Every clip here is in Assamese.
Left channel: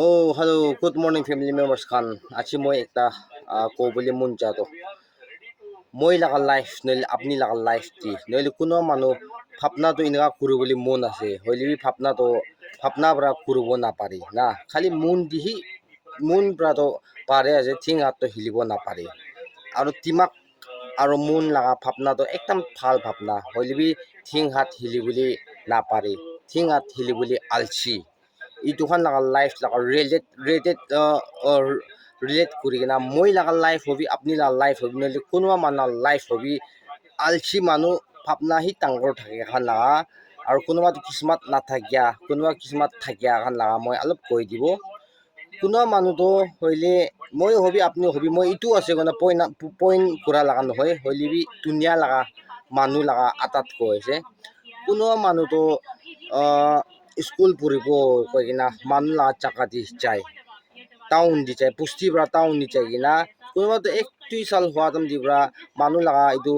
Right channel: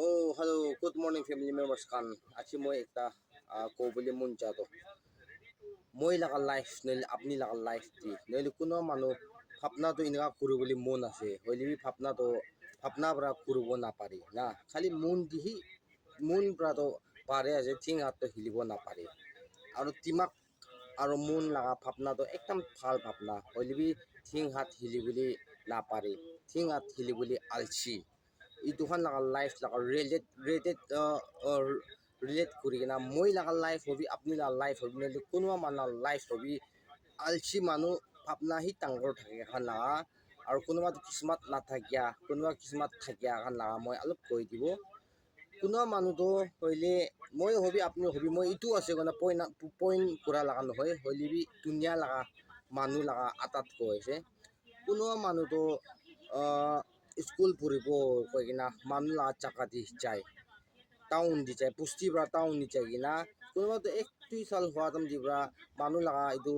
Oh, hello. Good morning, family members kan. Achi moi ekta ko boli mun jato. Moi laka life, noile apni laka life ti. Noile kuno manu phapna to inga kuru boli mun ase. Hoili bi phapna bra kuru bo na pari. Na khali mun dihi mun bra to pare ase thing at to hilibo na pari. Aro timak aro mun laka phapna to ekdam phal phapna. Hoili bi thing hat hili boli na pari. Thing hat hili boli alchi. Itu kan laga life laga relate kuri kena moi laga life hobi apni laga life hobi nele kunwa mana life hobi alchi manu phapna hi tangor thake khan laga aru kunwa to kismat na thakya kunwa kismat thakya khan laga moi alop koi dibo kunwa manu to hoile moi hobi apni hobi moi itu ase gona point kura laga nohoi hoile bi dunia laga manu laga atat ko ase kunwa manu to school puribo koigina manu la chaka di chai town di chai pusti bra town di chai gina kunwa to ek tui sal hwa dam di bra manu laga idu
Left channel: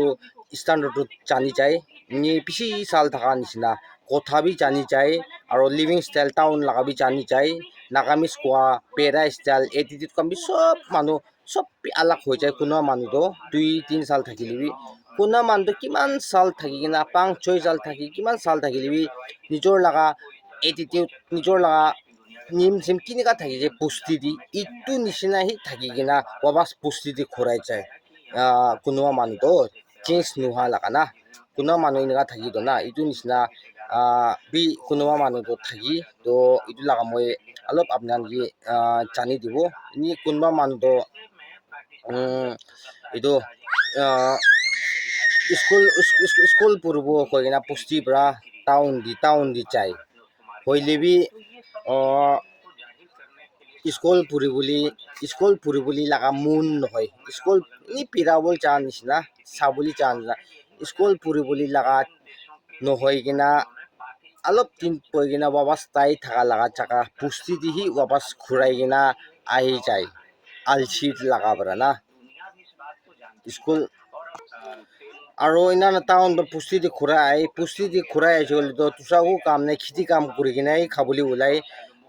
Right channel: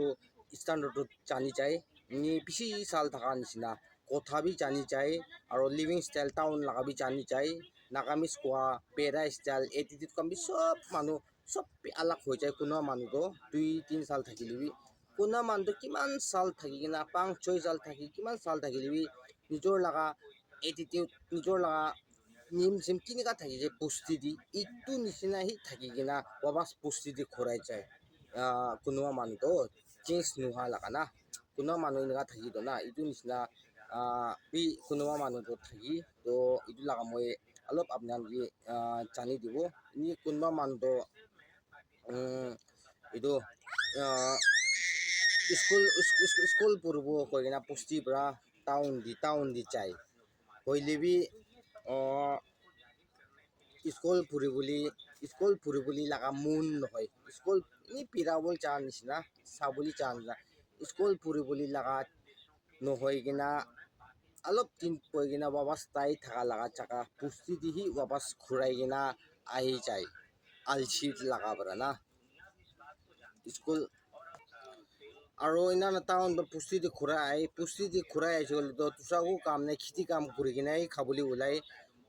standard to chani chai ni pisi sal thaka nisina kotha bi chani chai aro living style town laga bi chani chai nagamis kwa pera style attitude kam bi sob manu sob pi alak hoi chai kunwa manu to 2-3 sal thakilibi kunwa manu to kiman sal thakigina 5-6 sal thaki kiman sal thakilibi nijor laga attitude nijor laga nim sim kinika thaki je pusti di itu nisina hi thaki gina wabas pusti di khorai chai kunwa manu to change nuha laga na kunwa manu inga thaki do na itu nisina bi kunwa manu to thaki to itu laga moi alop apnan gi chani dibo ni kunwa manu to itu school purbo koigina pusti bra town di chai hoilebi school puri boli laga moon hoi school ni pirawol chan nisna sabuli chan na school puri boli laga no hoi gina alop tin poi gina wabas tai thaka laga chaka pusti di hi wabas khurai gina ahi chai alchi laga bra na school aro ina na town to pusti di khurai jol to tusagu kam ne khiti kam kuri gina khabuli ulai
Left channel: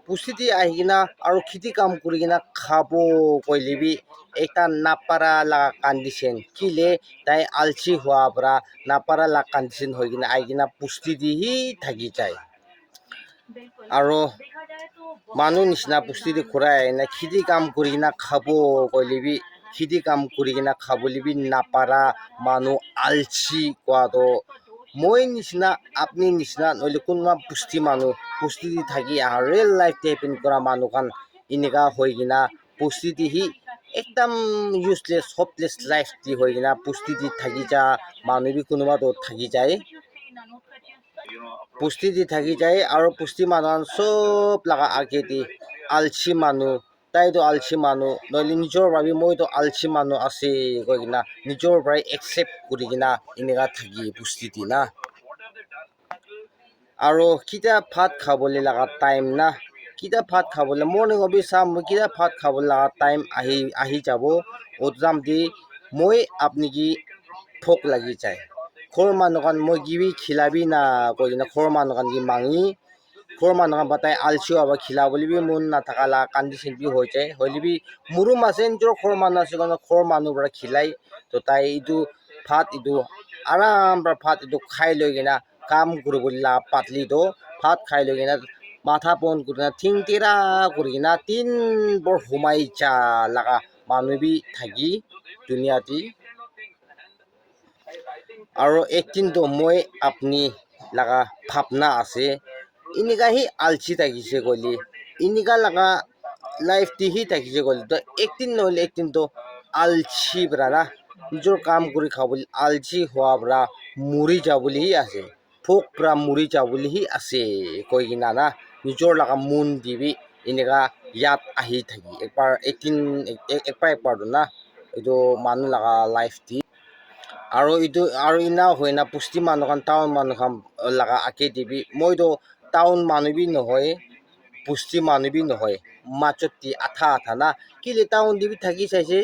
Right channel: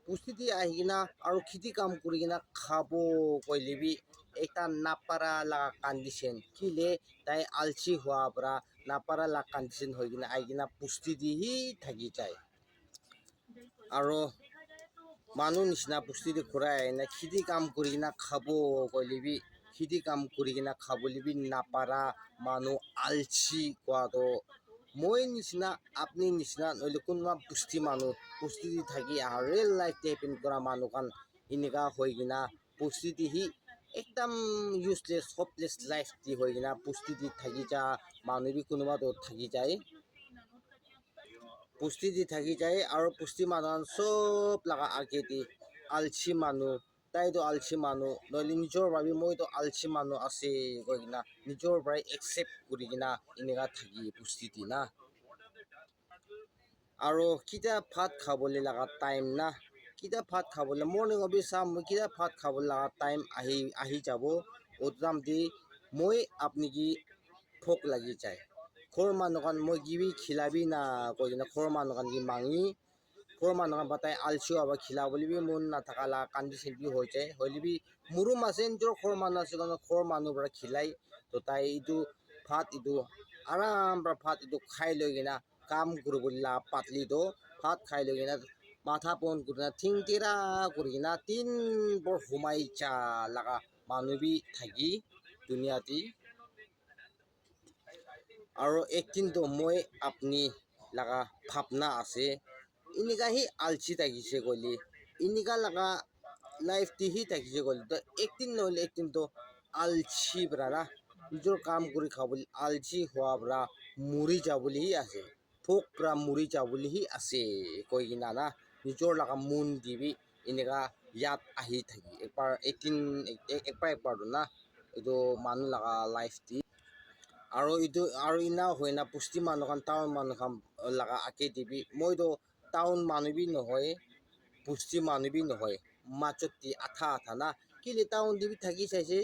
pusti di ahi gina aro khiti kam kuri gina khabo koilebi ekta napara la condition kile tai alchi hua bra napara la condition hoi gina ahi gina pusti di hi thaki chai aro manu nisna pusti di khurai na khiti kam kuri gina khabo koilebi khiti kam kuri gina khabolibi napara manu alchi kwa to moi nisna apni nisna noile kunwa pusti manu pusti di thaki real life depend kora manu kan inika hoi gina pusti di hi ekdam useless hopeless life di hoi gina pusti di thaki ja manu bi kunwa to thaki jai pusti di thaki jai aro pusti manu sob laga age di alchi manu tai to alchi manu noile nijor bhabi moi to alchi manu ase koi gina nijor brai accept kuri gina inika thaki pusti di na aro kita bhat khabole laga time na kita bhat khabole morning obi sam kita bhat khabole laga time ahi jabo odram di moi apni gi phok lagi chai khor manu kan moi gibi khilabi na koina khor manu kan gi mangi khor manu kan batai alchu aba khila boli bi mun na thakala condition bi hoi chai hoilibi muru masen jor khor manu ase kono khor manu bra khilai to tai itu bhat itu aram bra bhat itu khai loi gina কাম কৰিবলৈ পাতলি তো ভাত খাই লৈ কিনে মাথা পন কৰি থিং তেৰা কৰি কিনে 3 বৰ সোমাই যা লগা মানুহ বি থাকি দুনিয়াতি আৰু একদিন তো মই আপনি লগা ভাৱনা আছে ইনিকা হি আলচি থাকিছে গলি ইনিকা লগা লাইফ দিহি থাকিছে গলি তো একদিন নহলে একদিন তো আলচি ব্ৰা না নিজৰ কাম কৰি খাবলৈ আলচি হোৱা ব্ৰা মৰি যাবলৈ আছে phok pra muri jabuli hi ase koi gina na nijor laga moon dibi inega yat ahi thaki ekbar do na itu manu laga life di aro ina hoina pusti manu kan town manu kan laga ake dibi moi do town manu bi nohoi pusti manu bi nohoi machoti atha na kile town dibi thaki saise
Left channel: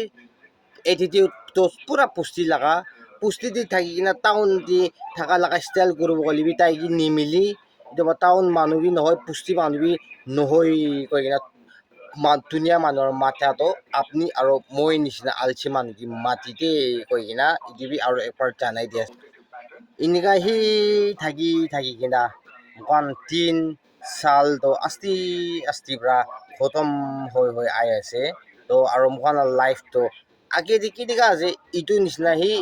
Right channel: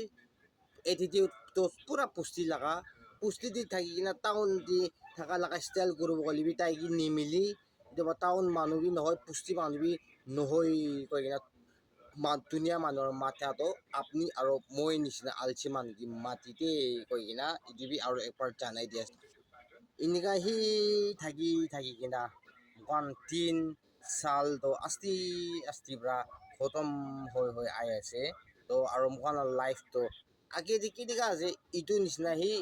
attitude to pura pusti laga pusti di thaki kina town di thaka laga style gurubo golibi tai gi nimili itu town manu bi nohoi pusti manu bi nohoi koi kina ধুনীয়া মানুহৰ মাথাটো আপুনি আৰু মই নিচিনা আলচি মানুহ কি মাটিতে কৈ কিনা ইটিভি আৰু একবাৰ জানাই দিয়া এনেকা সি থাকি কিনা মোকান 3 সাল তো আস্তি পৰা খতম হৈ আই আছে তো আৰু মোকান লাইফটো আগে দেখি দেখা আছে ইটো নিচিনা সি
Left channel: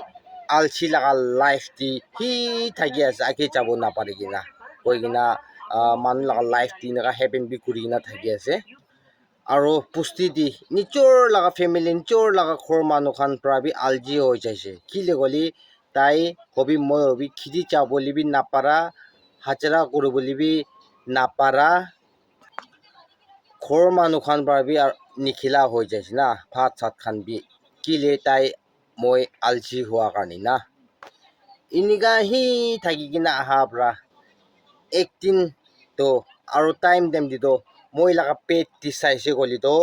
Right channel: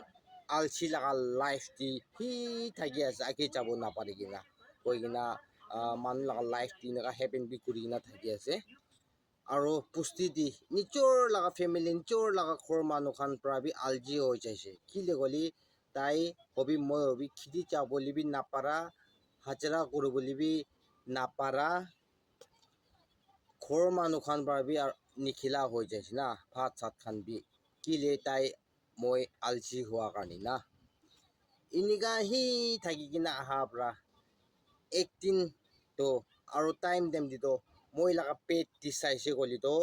আলচি লাগা লাইফ দি সি থাকি আছে আগে যাব নাপারে কিনা কৈ কিনা মানুহ লাগা লাইফ দি এনেকা হেপেন বি কৰি কিনা থাকি আছে আৰু পুষ্টি দি নিজৰ লগা ফেমিলি নিজৰ লগা ঘৰ মানুহ খান পৰা বি আলজি হৈ যাইছে কি গলি তাই হবি মই হবি খেতি যাবলৈ বি নাপাৰা হাজিৰা কৰিবলৈ বি নাপাৰা ঘৰ মানুহ খান পৰা বি নিখিলা হৈ যাইছে না ভাত চাত খান বি কিলে তাই মই আলজি হোৱা কাৰণে না এনেকা সি থাকি কিনা আহা পৰা একদিন তো আৰু টাইম দিতো মই লগা পেট দি চাইছে গলি তো